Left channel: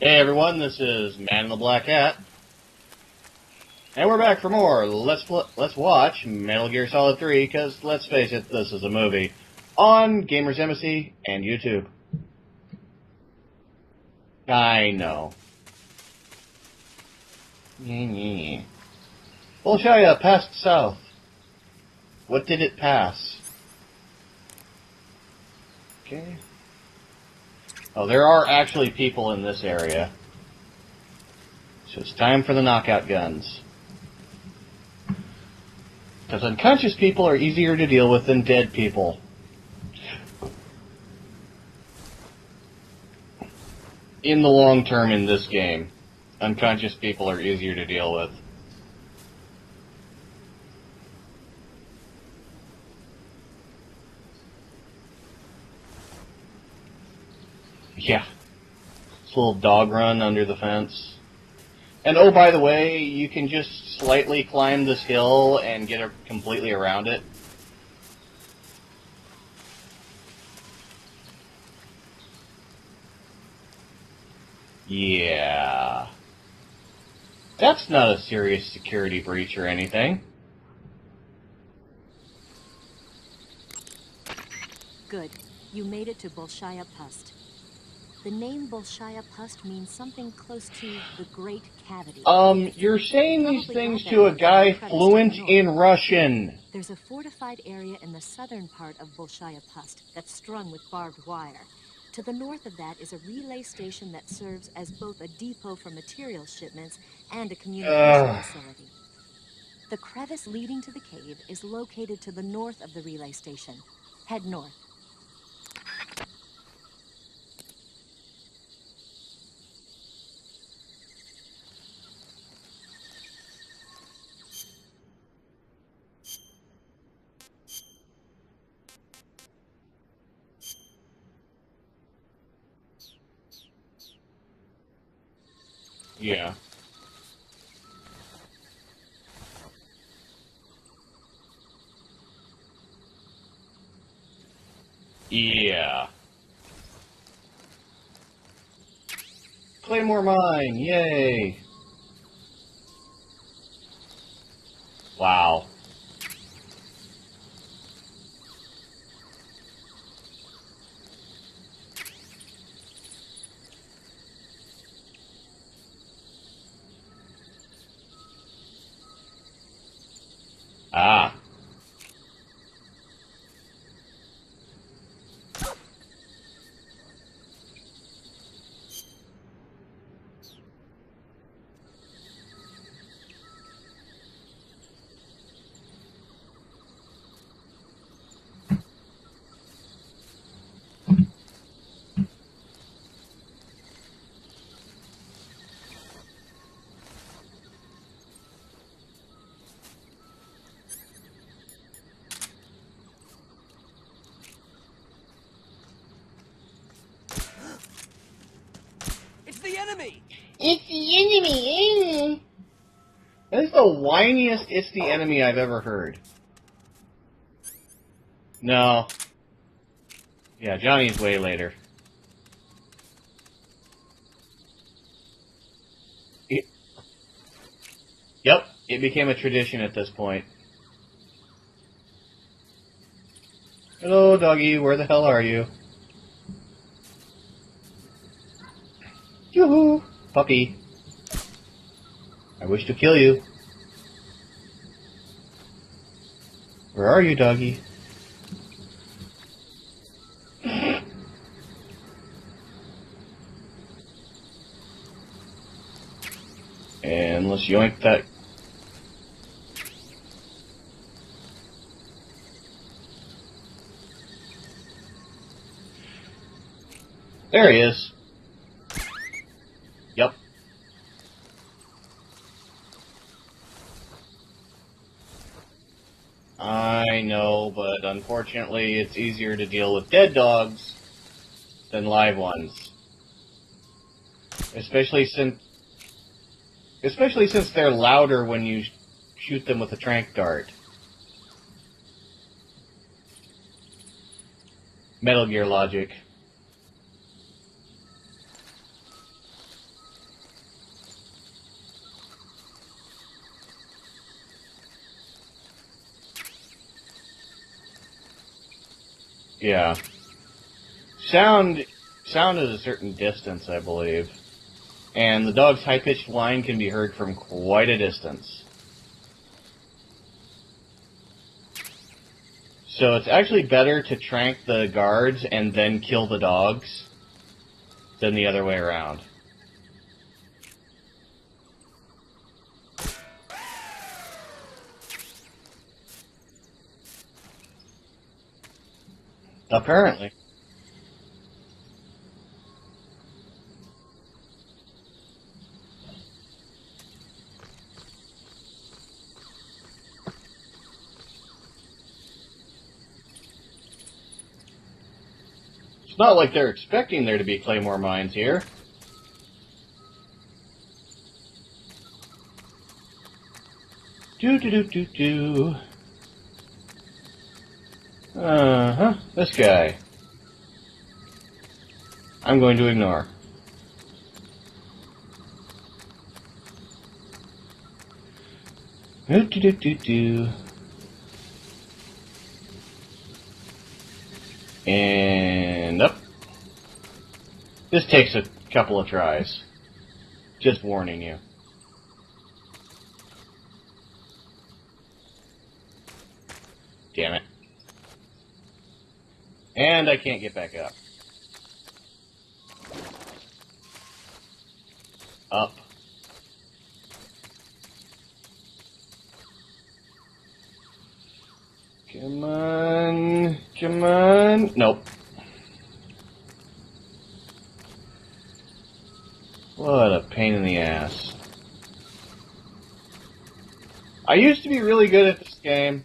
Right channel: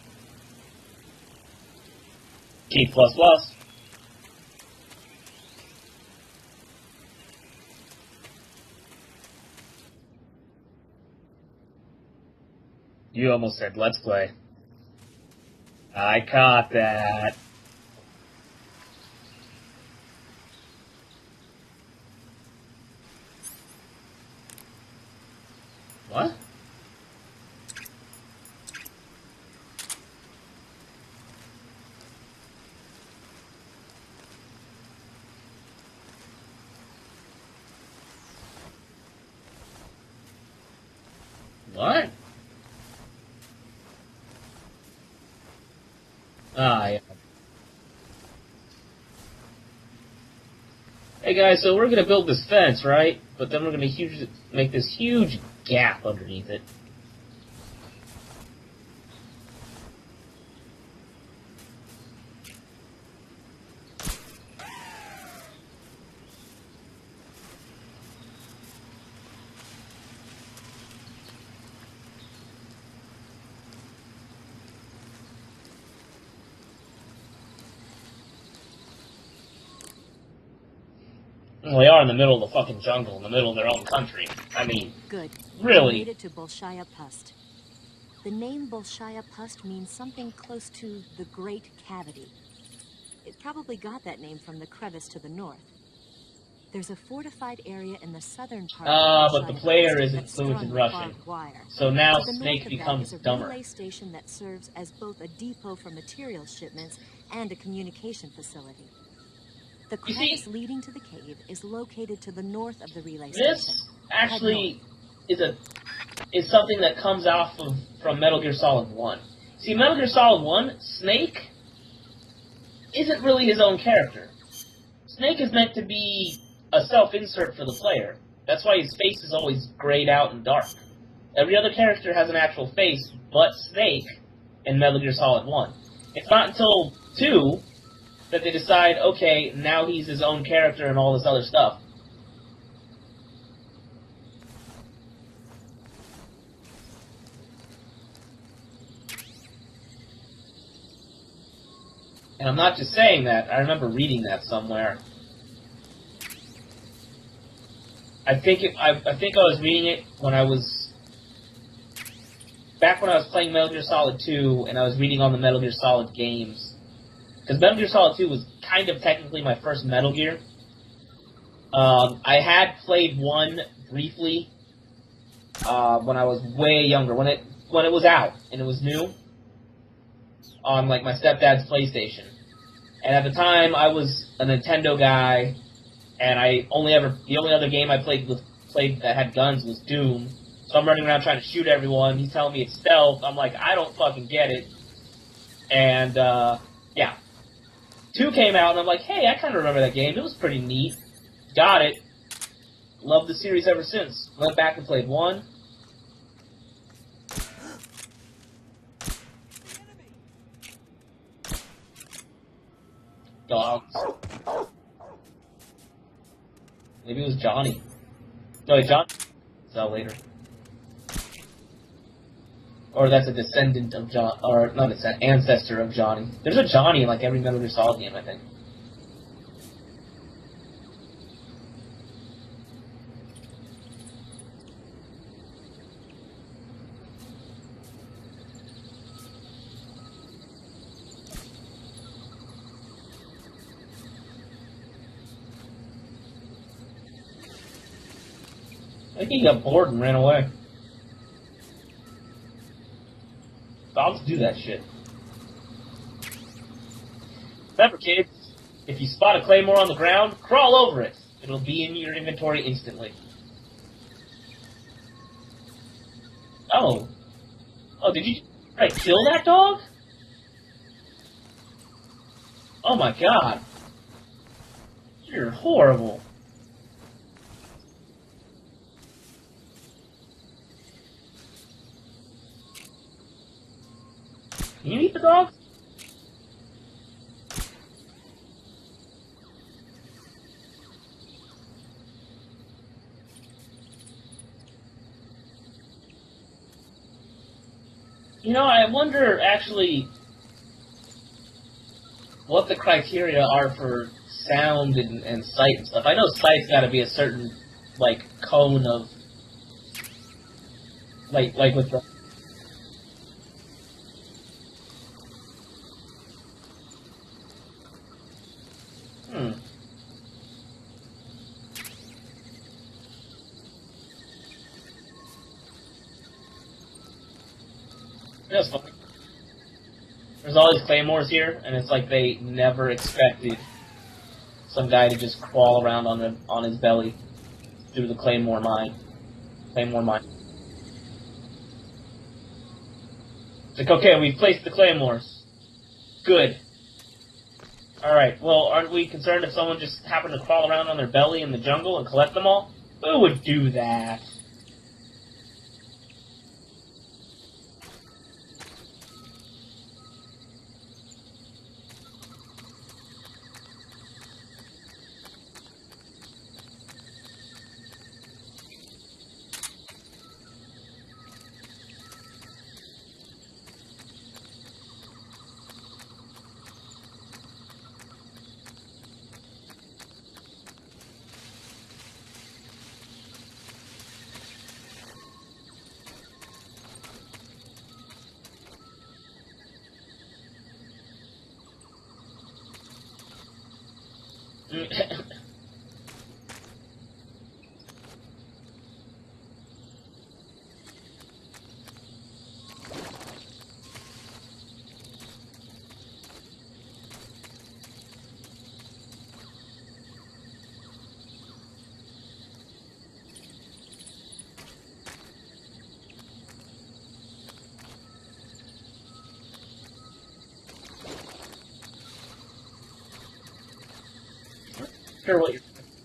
Hey everyone, this is Man in the Black Hat, T++. and we're back for more. Let's watch Metal Gear Solid 3, because let's face it, this is a movie, on Gamers Embassy and YouTube. You almost said let's play. I know. I caught that. Bolshaya passed south. What did it pass? What? Oh, there are actually people in this area. So it's time for the knockout guns. Because unconscious people are easier to deal with than dead people. What? In the long term in this game, unconscious yeah. people are easier to deal with. Hey guys, so we're gonna build this fence, right? But then we're gonna make this huge gap underneath it. Yeah. This little dog run under the fence. And oh, by the way, you can just slightly climb this hill and get completely around it. Yeah. That's not a serious security breach or anything. Well, they are in the middle of the fucking jungle, in the middle of their own country. I mean, good. Really? You made it to Bolshaya Pust. The name Bolshaya Pust means something close to the Great Cavity. You're saying these Probably things got that to a name from guy the crevice to the fluent north. in Russian. There's a fortified area in the southern part of but Bolshaya the player Pust isn't that's fluent strung in with Russian. barbed wire. So now To the north Snake of that becomes is a dumber. relay station that serves as both a depot for material shipments and a communication facility. The You see- crevice leading to the cave is located to the north of the relay station. This Head actually is something that comes off from Metal Gear Solid 1. See, Metal Gear Solid 1, Snake isn't really his own character. Snake is meant to be a self-insert for the player. That's why his face is always grayed out and dark. Every other character has an actual face, but Snake in Metal Gear Solid 1. It's not until 2 that they decide, okay, now he's his own character and all this other stuff. Yeah. Claymore mine, yay! And I'm not just saying that, I remember reading that somewhere. Wow. I think I was reading it when I was back when I was playing Metal Gear Solid 2, and I was reading on the Metal Gear Solid games. Because Metal Gear Solid 2 was kind of technically my first Metal Gear. Ah. I had played 1 briefly when I was way younger, when it was out and it was new on like my stepdad's PlayStation. And at the time, I was a Nintendo guy, and the only other game I played that had guns was Doom. So I'm running around trying to shoot everyone. He's telling me it's stealth. I'm like, I don't fucking get it. And yeah, 2 came out, and I'm like, hey, I kind of remember that game. It was pretty neat. Got it. Loved the series ever since. Went back and played 1. It's the enemy! It's the enemy! That is the whiniest "it's the enemy" I've ever heard. Maybe it was Johnny. No. John. Is that later? Yeah, Johnny's way later. Or that's a descendant of John, or not an ancestor of Johnny. There's a Johnny in like every Metal Gear Solid game, I think. Yep, it became a tradition at this point. Hello, doggy, where the hell are you? Yoo-hoo! Puppy. I wish to kill you. Where are you, doggy? I think he got bored and ran away. Dogs do that shit. Unless you Remember, want that. kids, if you spot a claymore on the ground, crawl over it. It'll be in your inventory instantly. Oh. There he is. Oh, did you try to kill that dog? Yep. Oh my god. You're horrible. I know, but unfortunately it's easier to deal with dead dogs than live ones. Especially since they're louder when you shoot them with a tranq dart. Metal Gear logic. You know, I wonder actually what the criteria are for sound and sight and stuff. I know sight's got to be a certain like cone of Yeah. like Sound with the, sound is a certain distance, I believe. And the dog's high-pitched whine can be heard from quite a distance. So it's actually better to trank the guards and then kill the dogs than the other way around. There's all these claymores here, and it's like they never expected some guy to just crawl around on his belly through the claymore mine. Apparently. It's like, okay, we've placed the claymores. Good. Alright, well, aren't we concerned if someone just happened to crawl around on their belly in the jungle and collect them all? Who would do that? It's not like they're expecting there to be claymore mines here. Do. This guy. I'm going to ignore. Do. And up. This takes a couple of tries. Just warning you. Damn it. And I can't get back up. Up. Come on. Come on. Nope. What a pain in the ass. I used to be really good at this game.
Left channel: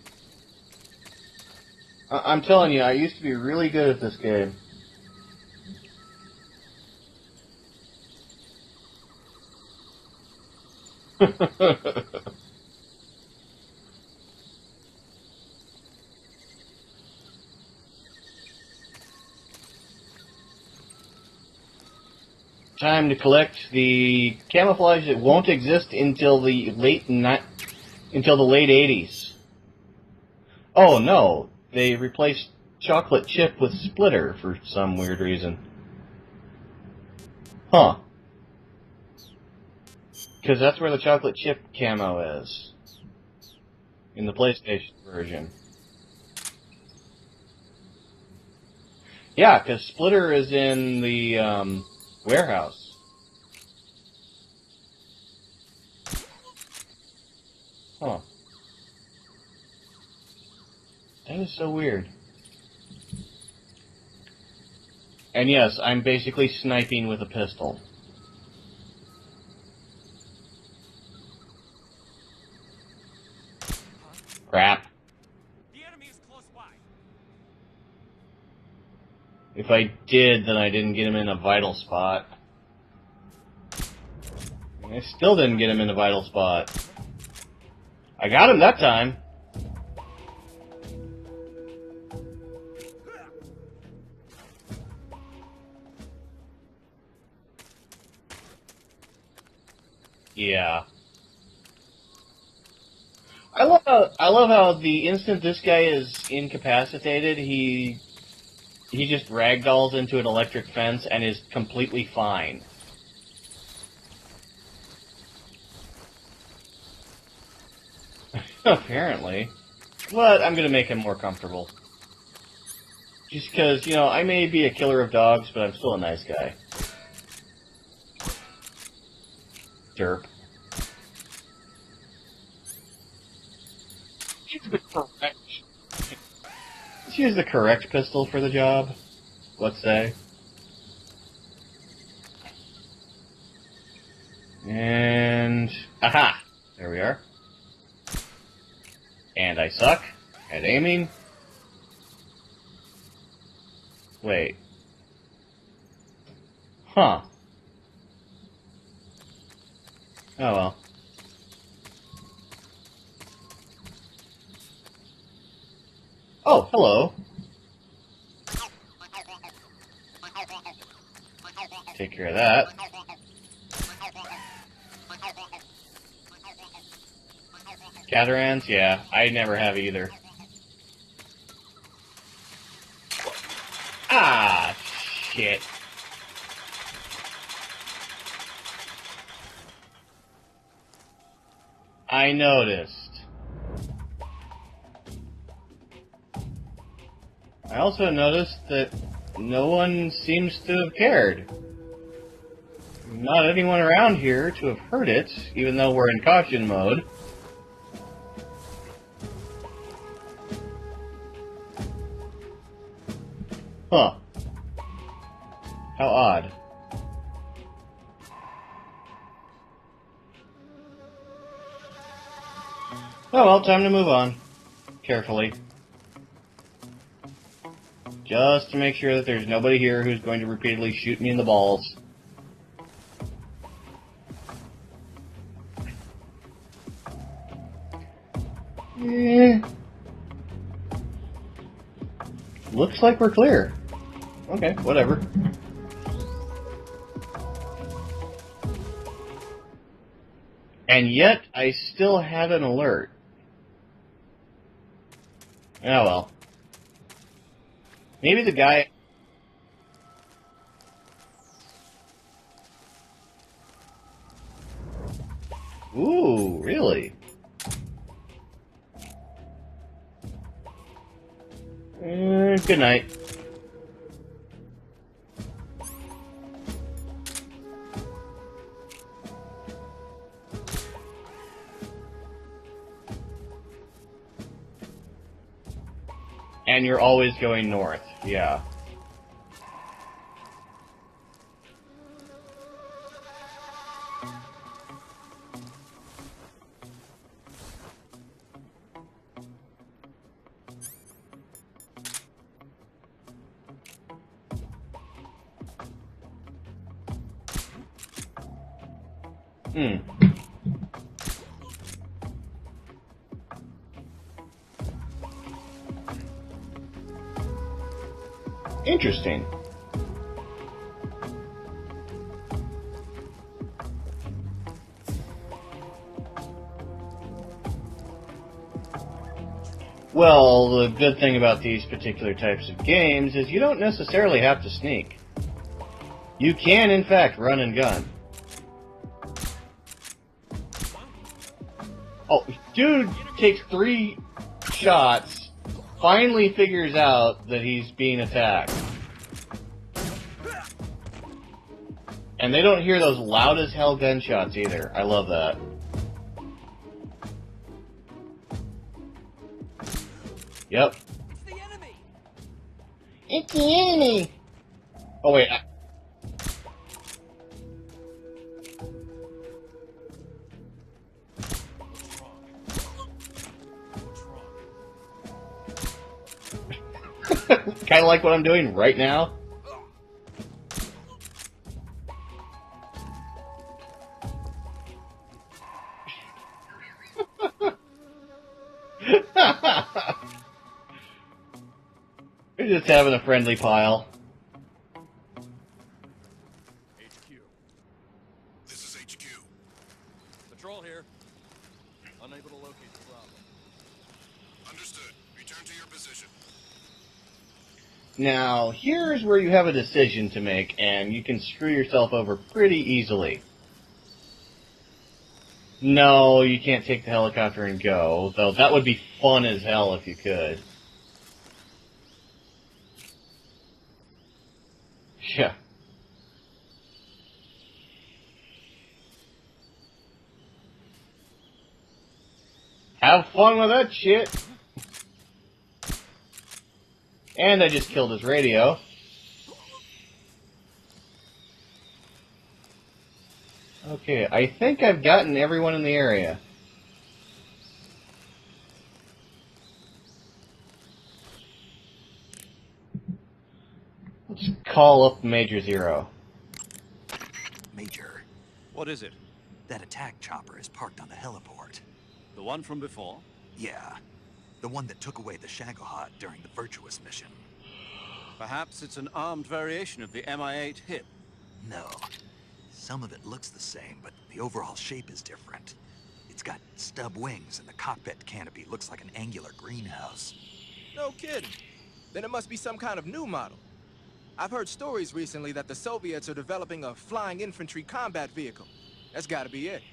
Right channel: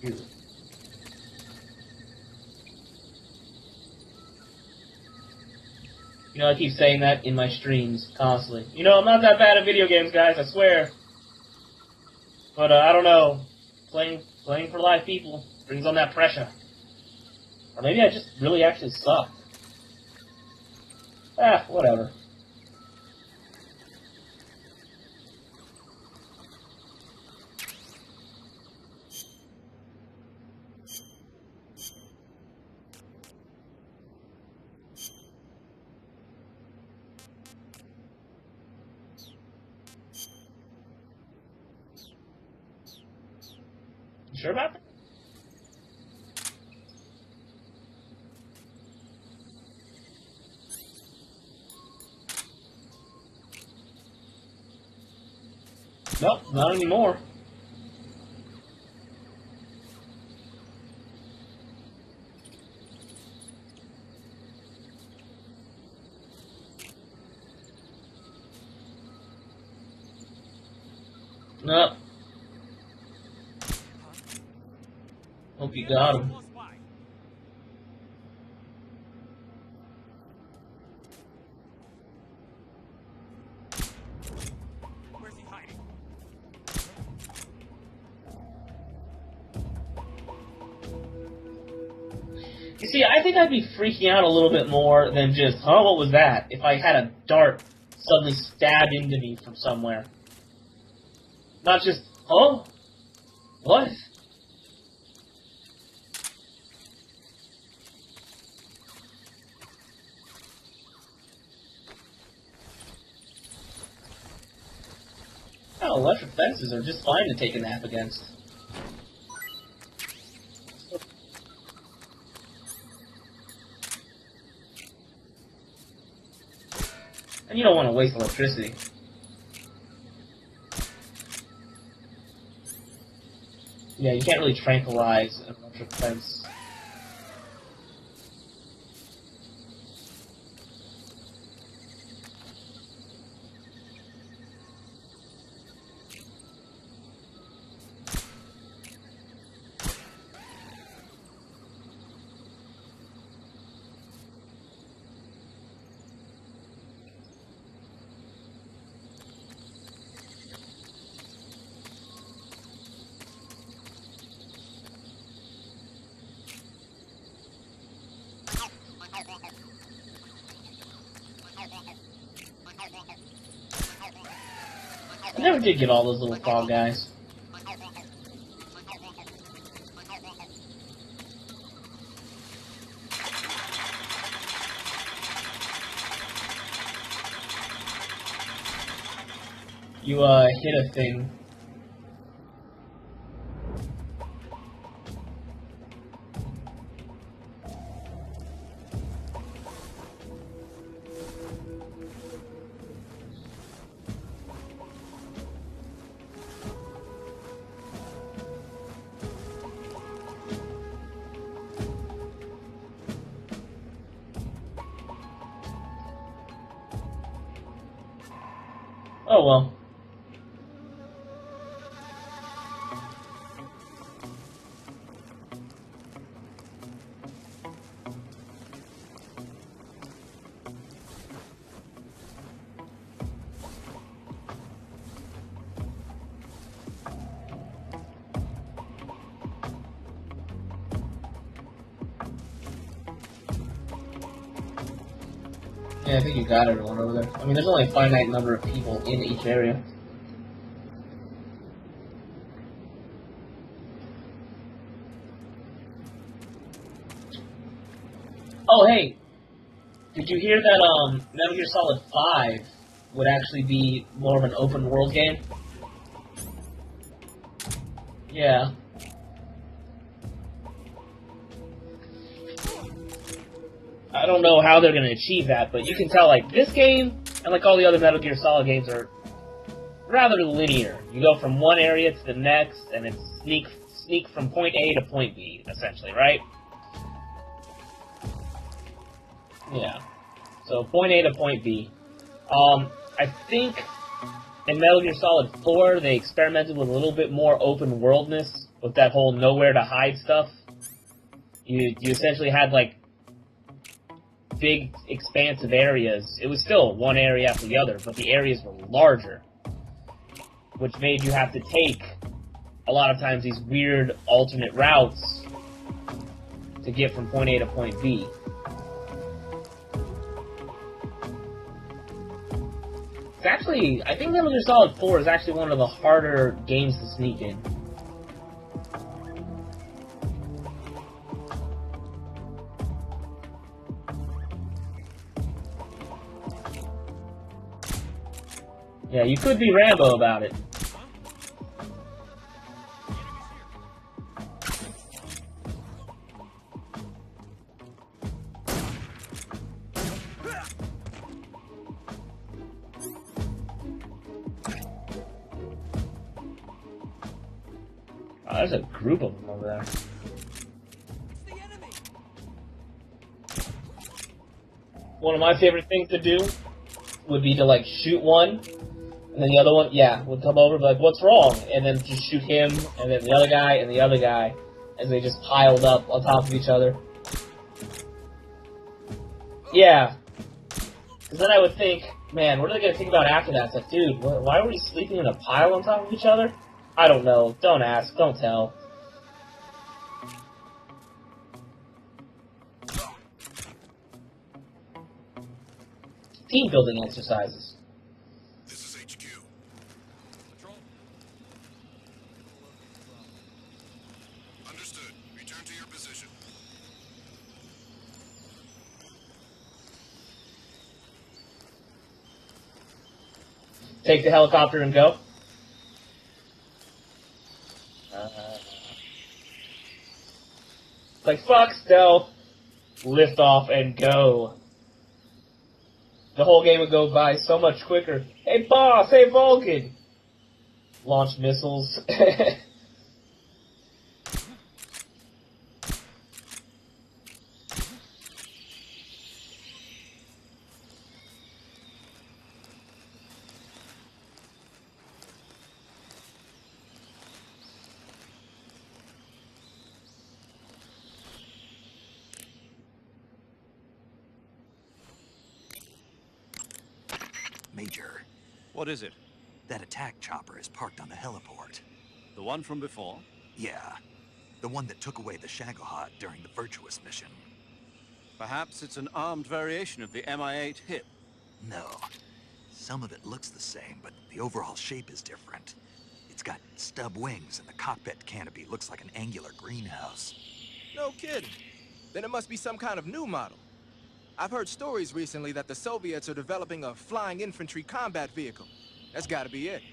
I'm telling you, I used to be really good at this game. You know, I keep saying that in my streams constantly. You know, I'm not that bad at video games, guys, I swear. But I don't know. Playing for live people brings on that pressure. Or maybe I just really actually suck. Whatever. Time to collect the camouflage that won't exist until the late 80s. Oh no, they replaced chocolate chip with splitter for some weird reason. Huh. Because that's where the chocolate chip camo is. In the PlayStation version. Yeah, because Splitter is in the warehouse. Nope, not anymore. Huh. That is so weird. And yes, I'm basically sniping with a pistol. Nope. Crap. Hope you got him. If I did, then I didn't get him in a vital spot. I still didn't get him in a vital spot. I got him that time. You see, I think I'd be freaking out a little bit more than just, what was that? If I had a dart suddenly stab into me from somewhere. Yeah. Not just, I love how the instant this guy is incapacitated, he just ragdolls into an electric fence and is completely fine. Well, electric fences are just fine to take a nap against. Apparently. But I'm gonna make him more comfortable. Just because, you know, I may be a killer of dogs, but I'm still a nice guy. And you don't want to waste electricity. Derp. Yeah, you can't really tranquilize an electric fence. Let's use the correct pistol for the job. Let's say. And... aha! There we are. And I suck at aiming. Wait. Huh. Oh well. Oh, hello. take care of that. I never did get all those little frog guys. Catharans? Yeah, I never have either. Ah, shit. You, hit a thing. I noticed. I also noticed that no one seems to have cared. Not anyone around here to have heard it, even though we're in caution mode. Huh. How odd. Oh well. Oh well, time to move on. Carefully. Just to make sure that there's nobody here who's going to repeatedly shoot me in the balls. Looks like we're clear. Okay, whatever. Yeah, I think you got everyone over there. I mean, there's only a finite number of people in each area. And yet, I still had an alert. Oh well. Maybe the guy... Oh, hey! Did you hear that, Metal Gear Solid 5 would actually be more of an open world game? Ooh, really? Yeah. Good night. I don't know how they're going to achieve that, but you can tell, like, this game, and like all the other Metal Gear Solid games, are rather linear. You go from one area to the next, and it's sneak from point A to point B, essentially, right? And you're always going north, yeah. Yeah. So, point A to point B. I think in Metal Gear Solid 4, they experimented with a little bit more open worldness with that whole nowhere to hide stuff. You essentially had, like, big, expansive areas. It was still one area after the other, but the areas were larger. Which made you have to take, a lot of times, these weird alternate routes to get from point A to point B. Interesting. It's actually, I think Metal Gear Solid 4 is actually one of the harder games to sneak in. Well, the good thing about these particular types of games is you don't necessarily have to sneak. You can, in fact, run and gun. Yeah, you could be Rambo about it. Oh, dude takes 3 shots, finally figures out that he's being attacked. And they don't hear those loud as hell gunshots either. I love that. Oh, there's a group of them over there. Yep. It's the enemy. It's the enemy! One wait. of my favorite things to do would be to, like, shoot one, and then the other one, would come over and be like, what's wrong? And then just shoot him, and then the other guy, as they just piled up on top of each other. Kind of like what I'm doing right now. Yeah. Because then I would think, man, what are they going to think about after that? It's like, dude, why are we sleeping in a pile on top of each other? I don't know. Don't ask. Don't tell. We're just having a friendly pile. Team building exercises. This is HQ. Patrol here. Unable to locate the bomb. Understood. Return to your position. Now, here's where you have a decision to make, and you can screw yourself over pretty easily. Take the helicopter and go. No, you can't take the helicopter and go, though that would be fun as hell if you could. Like, fuck stealth. Lift off and go. Yeah. The whole game would go by so much quicker. Hey, boss! Hey, Vulcan! Launch missiles. Have fun with that shit! And I just killed his radio. Okay, I think I've gotten everyone in the area. Let's call up Major Zero. Major, What is it? that attack chopper is parked on the heliport. The one from before? Yeah, the one that took away the Shagohod during the Virtuous mission. Perhaps it's an armed variation of the Mi-8 HIP. No. Some of it looks the same, but the overall shape is different. It's got stub wings, and the cockpit canopy looks like an angular greenhouse. No kidding. Then it must be some kind of new model. I've heard stories recently that the Soviets are developing a flying infantry combat vehicle. That's gotta be it.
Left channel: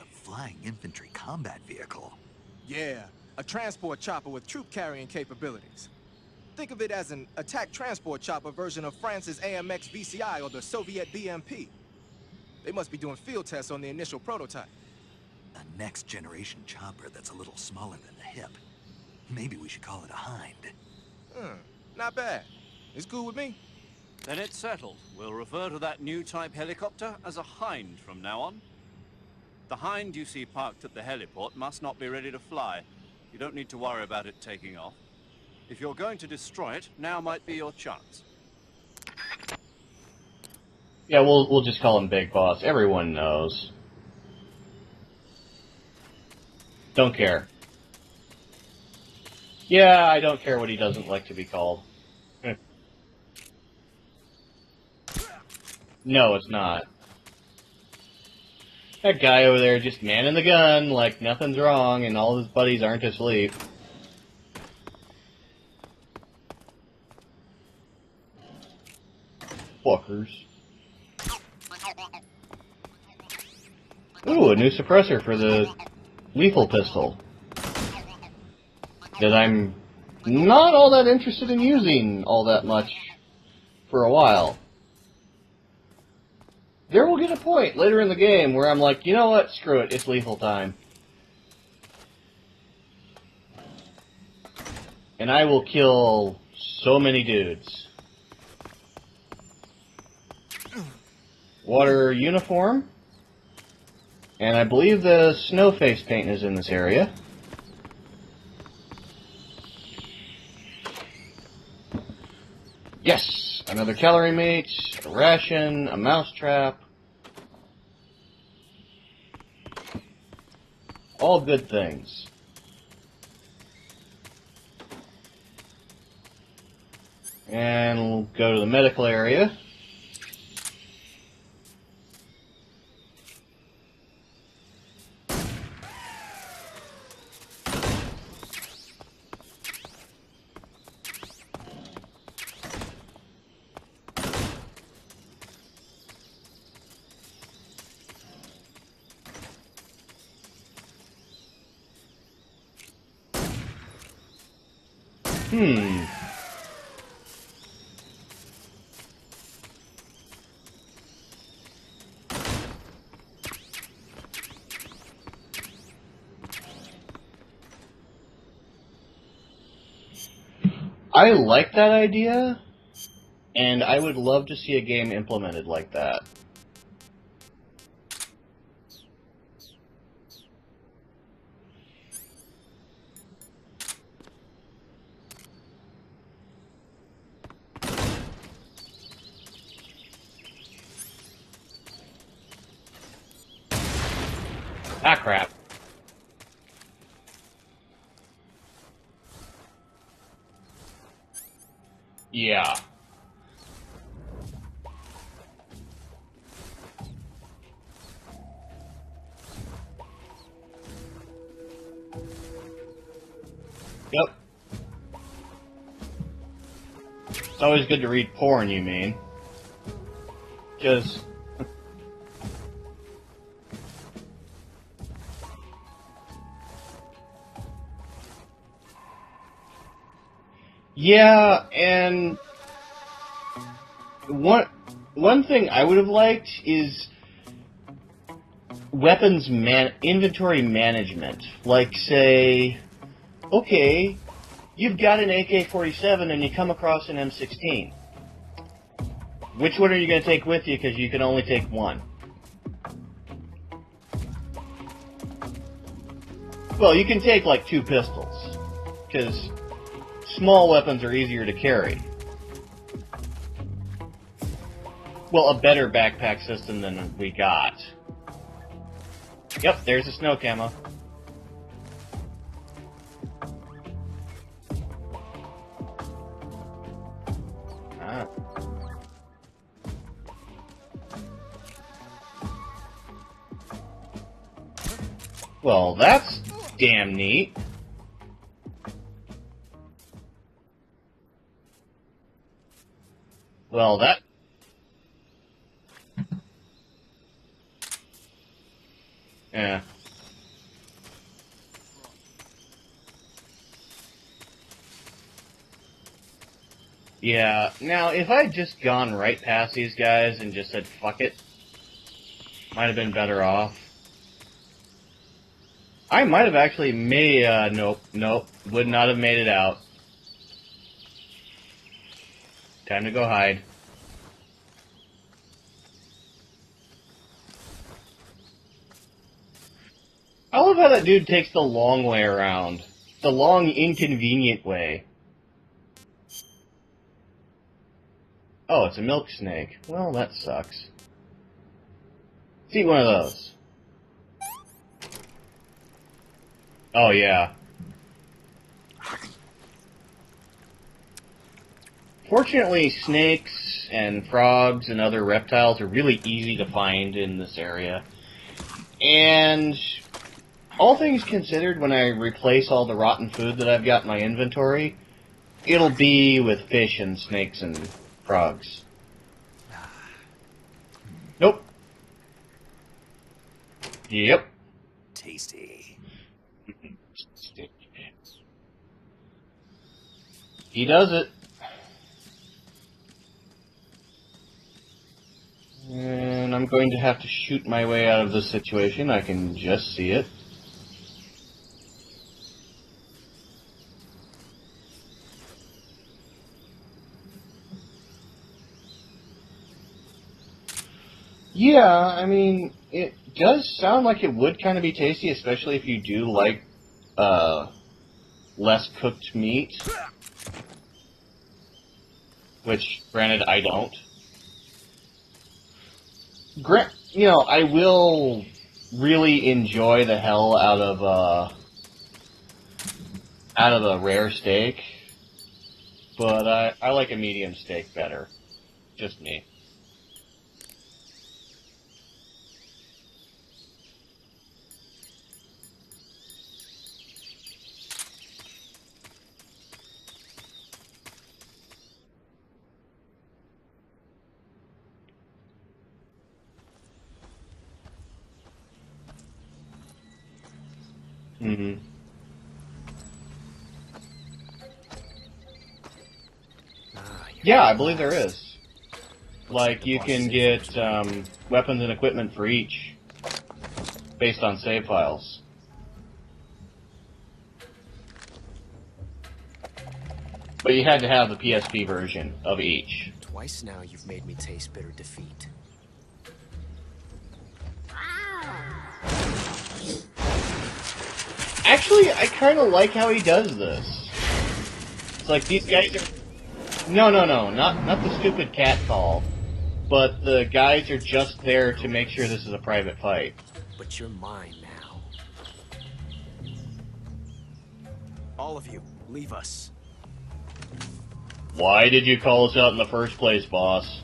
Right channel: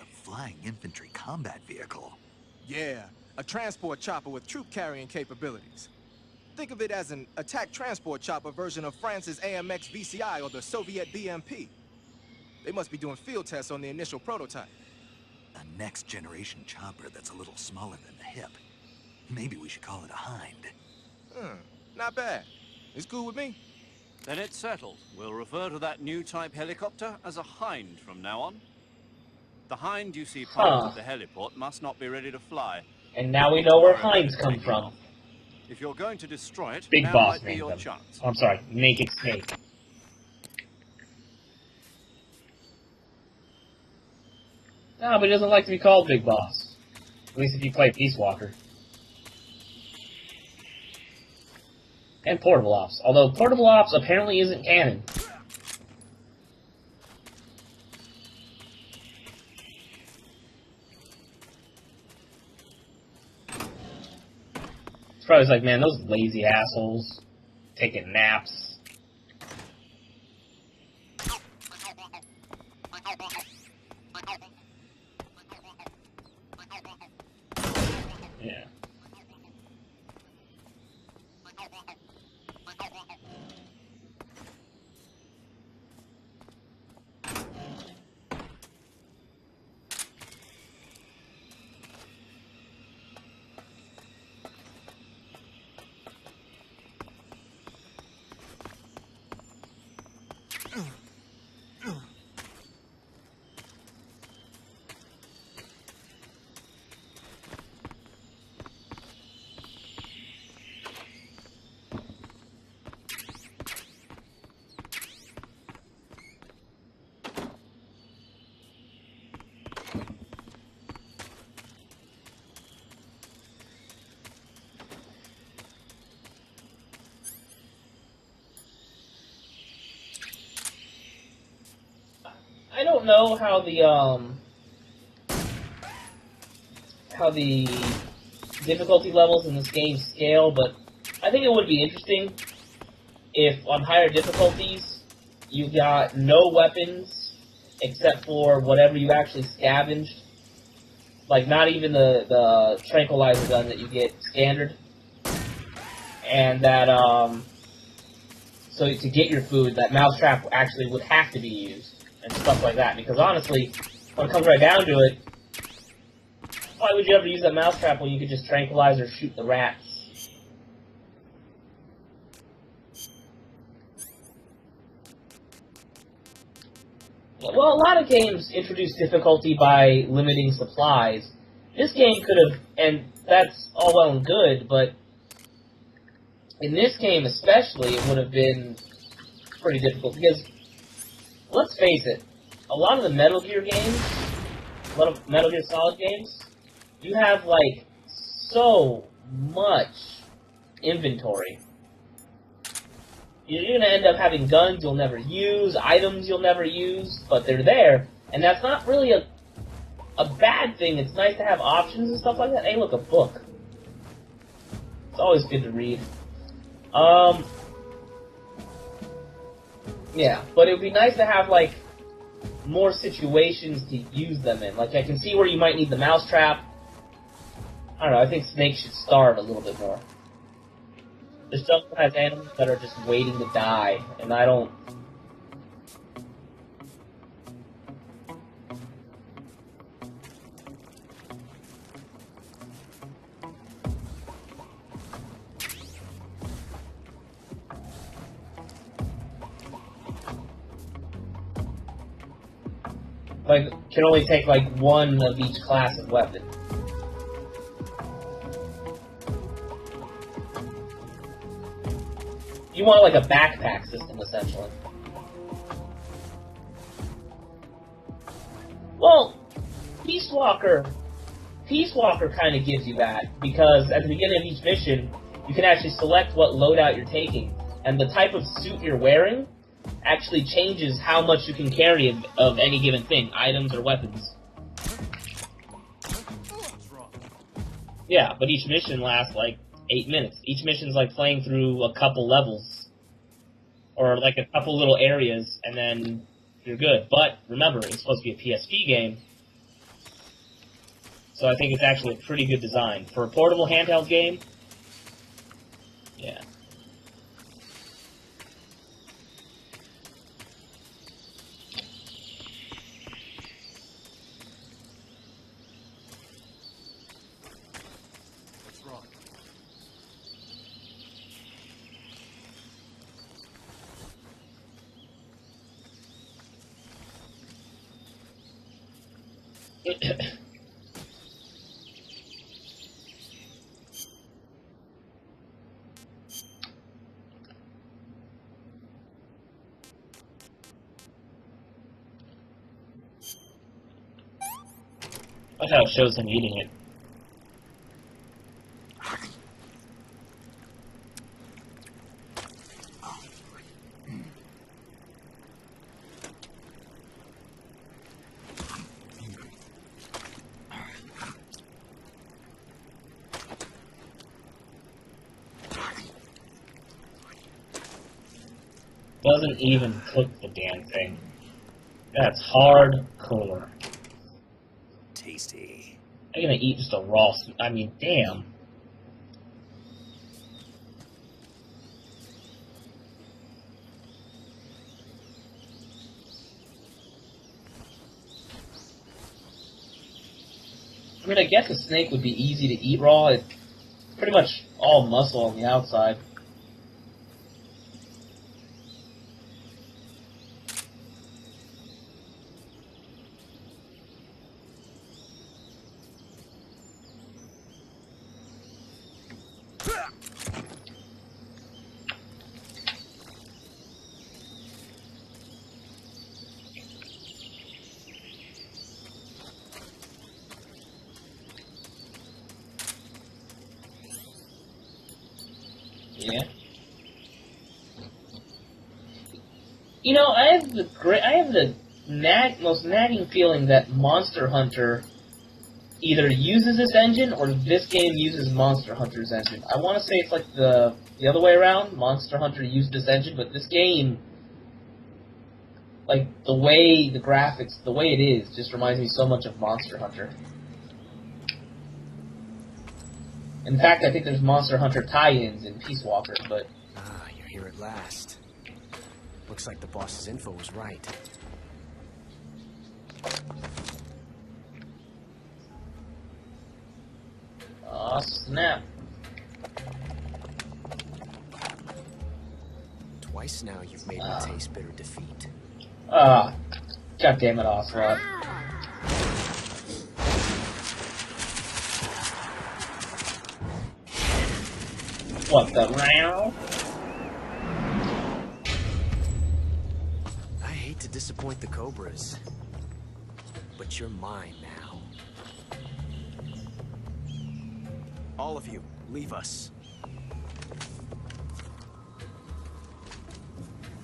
A flying infantry combat vehicle? Yeah, a transport chopper with troop-carrying capabilities. Think of it as an attack transport chopper version of France's AMX VCI or the Soviet BMP. They must be doing field tests on the initial prototype. A next-generation chopper that's a little smaller than the Hip. Maybe we should call it a Hind. Not bad. It's cool with me. Then it's settled. We'll refer to that new type helicopter as a Hind from now on. The Hind you see parked at the heliport must not be ready to fly. And now we Need know to where worry about Hinds it come taking from. off. If you're going to destroy it, Big now Boss might be named your them. chance. I'm sorry, Naked Snake. Yeah, we'll just call him Big Boss. Everyone knows. No, but he doesn't like to be called Big Boss. Don't care. At least if you play Peace Walker. Yeah, I don't care what he doesn't like to be called. And Portable Ops. Although Portable Ops apparently isn't canon. No, it's not. That guy over there just manning the gun like nothing's wrong and all his buddies aren't asleep. It's probably like, man, those lazy assholes. Taking naps. Fuckers. Ooh, a new suppressor for the lethal pistol. Yeah. That I'm not all that interested in using all that much for a while. There will get a point later in the game where I'm like, you know what, screw it, it's lethal time. And I will kill so many dudes. Water uniform. And I believe the snow face paint is in this area. Yes! Another calorie mate, a ration, a mousetrap. All good things. And we'll go to the medical area. I don't know how the difficulty levels in this game scale, but I think it would be interesting if on higher difficulties you got no weapons except for whatever you actually scavenged. Like, not even the tranquilizer gun that you get standard. And that, so to get your food, that mousetrap actually would have to be used, and stuff like that. Because honestly, when it comes right down to it, why would you ever use that mousetrap when you could just tranquilize or shoot the rats? I like that idea, and I would love to see a game implemented like that. Well, a lot of games introduce difficulty by limiting supplies. This game could have, and that's all well and good, but in this game especially, it would have been pretty difficult, because, let's face it, a lot of the Metal Gear games, a lot of Metal Gear Solid games, you have, like, so much inventory. Yeah. You're going to end up having guns you'll never use, items you'll never use, but they're there, and that's not really a bad thing. It's nice to have options and stuff like that. Hey, look, a book. Yep. It's always good to read. It's always good to read porn, you mean? Yeah, but it would be nice to have, like, more situations to use them in. Like, I can see where you might need the mousetrap. I don't know, I think Snake should starve a little bit more. Yeah, and and that are just waiting to die. And I one thing I would have liked is weapons inventory management. Like, say, okay, you've got an AK-47 and you come across an M16. Which one are you going to take with you, because you can only take one? Like, can only take, like, one of each class of weapon. Well, you can take, like, 2 pistols, because small weapons are easier to carry. You want, like, a backpack system, essentially. Well, a better backpack system than we got. Well, Yep, there's a snow camera. Peace Walker kind of gives you that, because at the beginning of each mission, you can actually select what loadout you're taking, and the type of suit you're wearing actually changes how much you can carry of any given thing, items or weapons. Well, that's damn neat. Yeah, but each mission lasts like 8 minutes. Each mission's like playing through a couple levels. Well, Or that like a couple little areas, and then you're good. But remember, it's supposed to be a PSP game, yeah. so I think it's actually a pretty good design. For a portable handheld game, yeah. Yeah. Now, if I'd just gone right past these guys and just said fuck it, might have been better off. I might have actually nope, would not have made it out. Time to go hide. I love how that dude takes the long way around. The long, inconvenient way. Oh, it's a milk snake. Well, that sucks. Let's eat one of those. That's how it shows him eating it. Oh, yeah. Fortunately, snakes and frogs and other reptiles are really easy to find in this area. And all things considered, when I replace all the rotten food that I've got in my inventory, it'll be with fish and snakes and frogs. Doesn't even cook the damn thing. Nope. That's hardcore. Yep. I'm gonna eat just a raw. I mean, damn. He does it. And I'm going to have to shoot my way out of this situation. I can just see it. I mean, I guess a snake would be easy to eat raw. It's pretty much all muscle on the outside. Yeah, I mean, it does sound like it would kind of be tasty, especially if you do like less cooked meat. Which, granted, I don't. You know, I will really enjoy the hell out of a rare steak, but I like a medium steak better. Just me. You know, I have the most nagging feeling that Monster Hunter either uses this engine or this game uses Monster Hunter's engine. I want to say it's like the other way around. Monster Hunter used this engine, but this game, like the way the graphics, the way it is, just reminds me so much of Monster Hunter. Mm-hmm. In fact, I think there's Monster Hunter tie-ins in Peace Walker, but Yeah, I believe there is. Looks Like, the you boss can safe get was right. weapons and equipment for each, based on save files. aw, snap. But you had to have the PSP version of each. Twice now you've made me taste bitter defeat. Ah, god damn it, Ocelot. Actually, I kind of like how he does this. It's like these What, guys. meow? No, not the stupid cat call, but the guys are just there to make sure this is a private fight. But you're mine now. All of you, leave us. Why did you call us out in the first place, boss?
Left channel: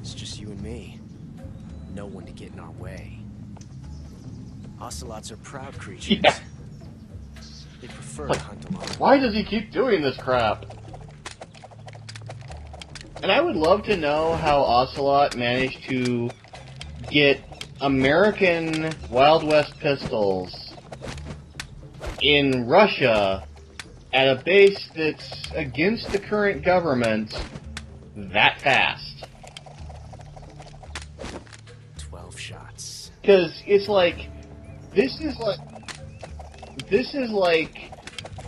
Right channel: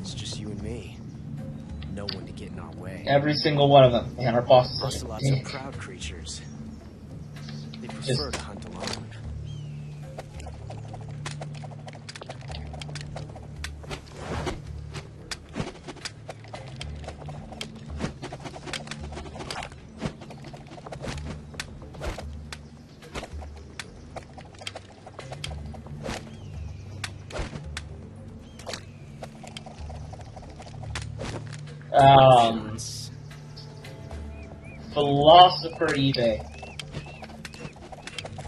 It's just you and me. No one to get in our way. Every single one of them. Man, our boss is Ocelots are proud creatures. Yeah. They prefer like, to hunt alone. Why does he keep doing this crap? And I would love to know how Ocelot managed to get American Wild West pistols in Russia at a base that's against the current government that fast. Shots. Because it's like... Philosopher eBay. This is like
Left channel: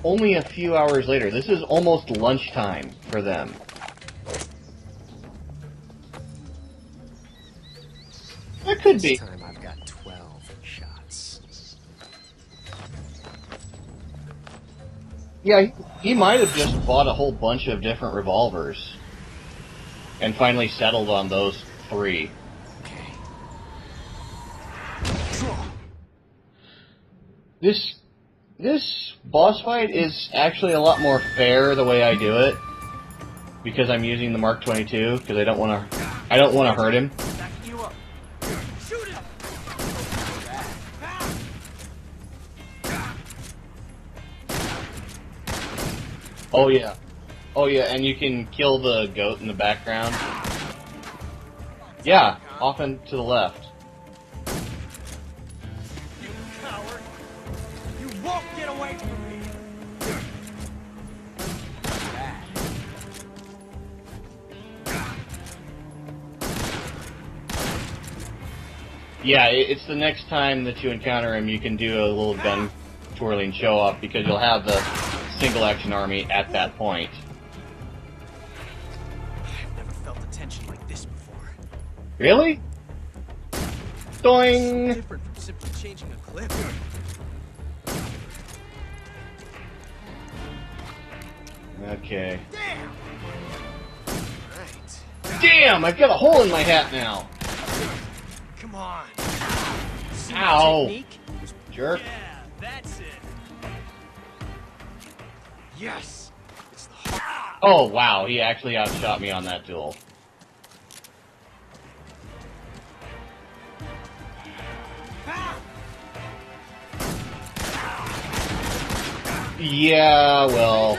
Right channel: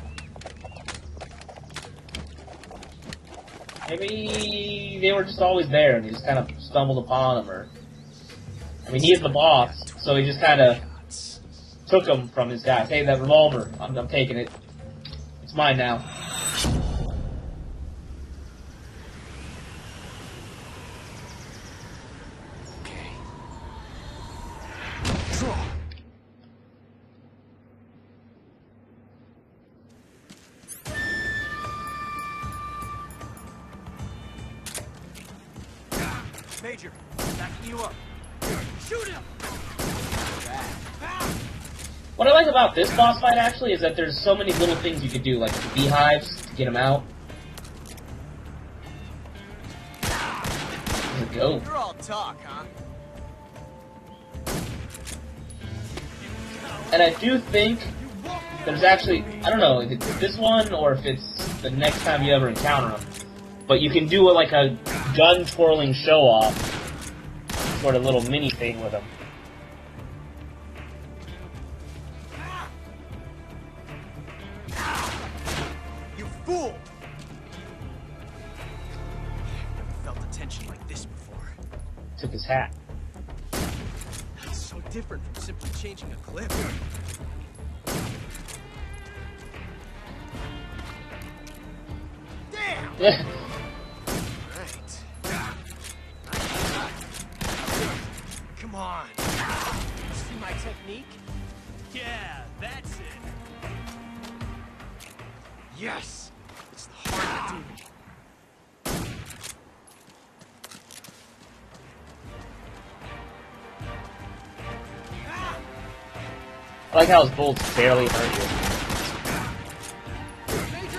only a few hours later. This is almost lunchtime for them. Maybe they were just always there and he just kind of stumbled upon them, or That could he's be. the boss, so he just kind of Shots. took them from his guy. Hey, that revolver, I'm taking it. Yeah, Fine now. he might have just bought a whole bunch of different revolvers and finally settled on those 3. Okay. Draw. This boss fight is actually a lot more fair the way I do it, because I'm using the Mark 22, because I don't want to I don't want to hurt him. What I like about this boss fight actually is that there's so many little things you could do, like beehives. To Oh, get 'em yeah. out. Oh yeah, and you can kill the goat in the background. There's a goat. Yeah, often to the left. And I do think there's actually, I don't know if it's this one or if it's the next time you ever encounter him, but you can do like a gun twirling show off, sort of little mini thing with him. Yeah, it's the next time that you encounter him, you can do a little gun twirling show off because you'll have the single action army at that point. I've never felt a tension like this before. Really? Yeah. So Doing. different from simply changing a clip. Okay. Damn! Right. Damn! I've got a hole in my hat now. Come on. See Ow. my technique? Jerk. Yes! It's the heart. Oh wow, he actually outshot me on that duel. I like how his bullets barely hurt you. Yeah, well.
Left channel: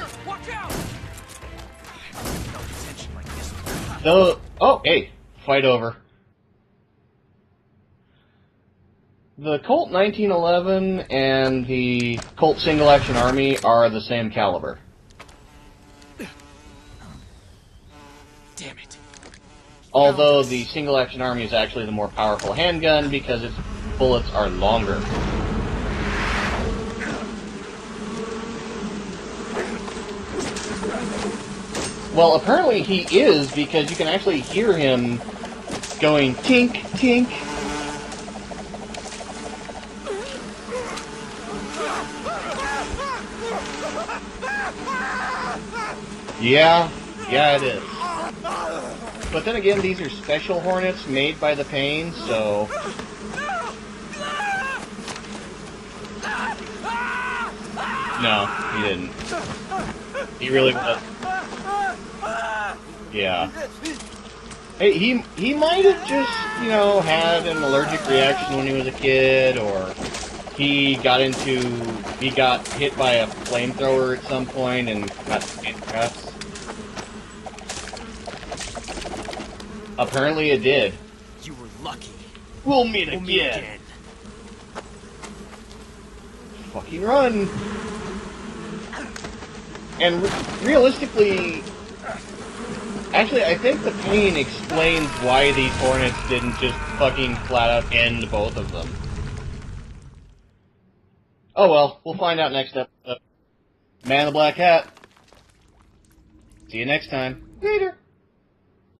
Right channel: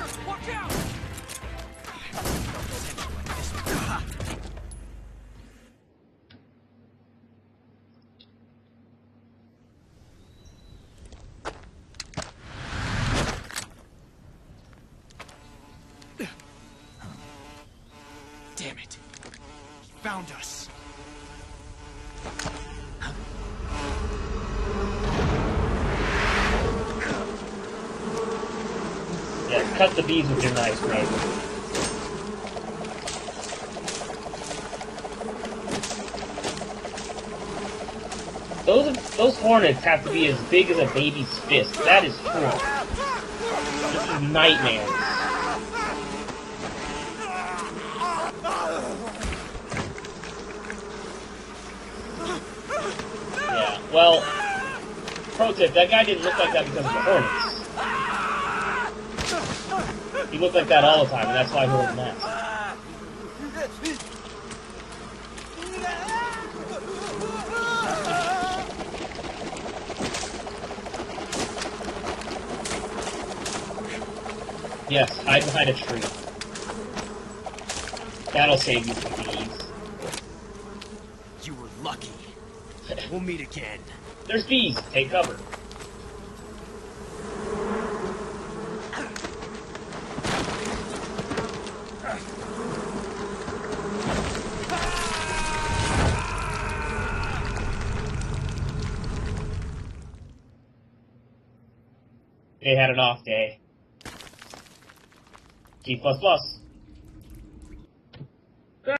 I've never felt a tension like this before. No. Oh, hey, fight over. The Colt 1911 and the Colt Single Action Army are the same caliber. Damn it. Although us. the Single Action Army is actually the more powerful handgun because its bullets are longer. Yeah, cut the beads with your knife, right? Well, apparently he is because you can actually hear him going tink, tink. Those hornets have to be as big as a baby's fist. That is true. It's a nightmare. Yeah, it is. But then again, these are special hornets made by the Pain, so... Yeah. Well, pro tip: that guy didn't look like that because of the hornets. No, he didn't. He looked really like that all the time. That's why he was mad. Yeah. Hey, he might have just, had an allergic reaction when he was a kid, or he got hit by a flamethrower at some point. And Yes, hide behind a trap. That'll save you some beads. apparently it did. You were lucky. We'll meet We'll meet again. There's bees. Take cover. Fucking run. And realistically, actually, I think the Pain explains why these hornets didn't just fucking flat out end both of them. Oh well, we'll find out next They had time. an off day. Man in the Black Hat. T++. See you next time. Later.